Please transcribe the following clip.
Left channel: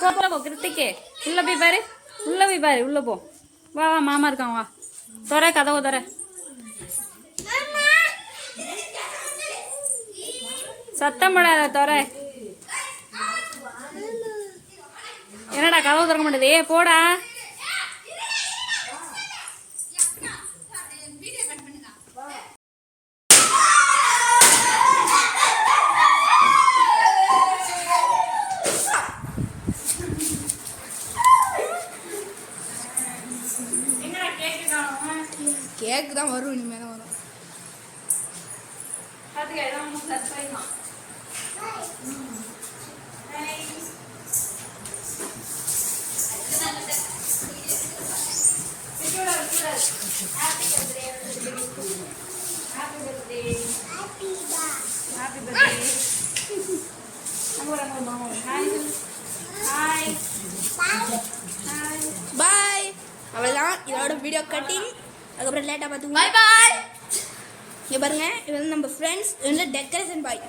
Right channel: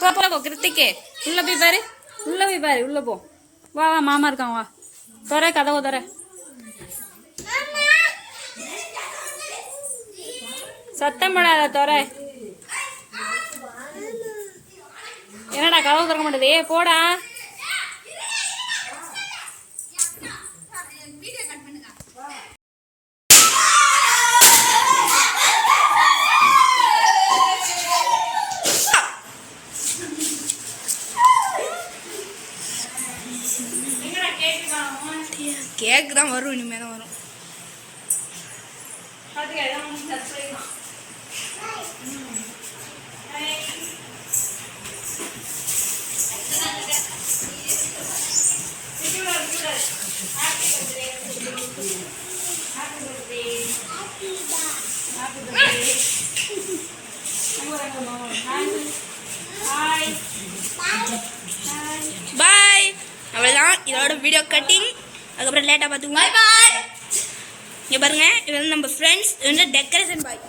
போ கிருத்திக்கு உள்ள போய் பாரு உள்ள போ வா வா மாமா இருக்கான் வா தோற கதவை தோற சத்தம் போடாத தோற என்னடா கதவு திறக்க மாட்டேது போடா கேக்கு தான் வரும் இனிமேல் தான் வரும் பாய் அவ்வளோதான் இதோட வீடியோ கட்டிங் அதுக்கப்புறம் லேட்டாக பார்த்துக்கோங்க இங்கே பாருங்க இது வந்து நம்ம ஃப்ரெண்ட்ஸ் வந்து டெக்கரேஷன் பாய்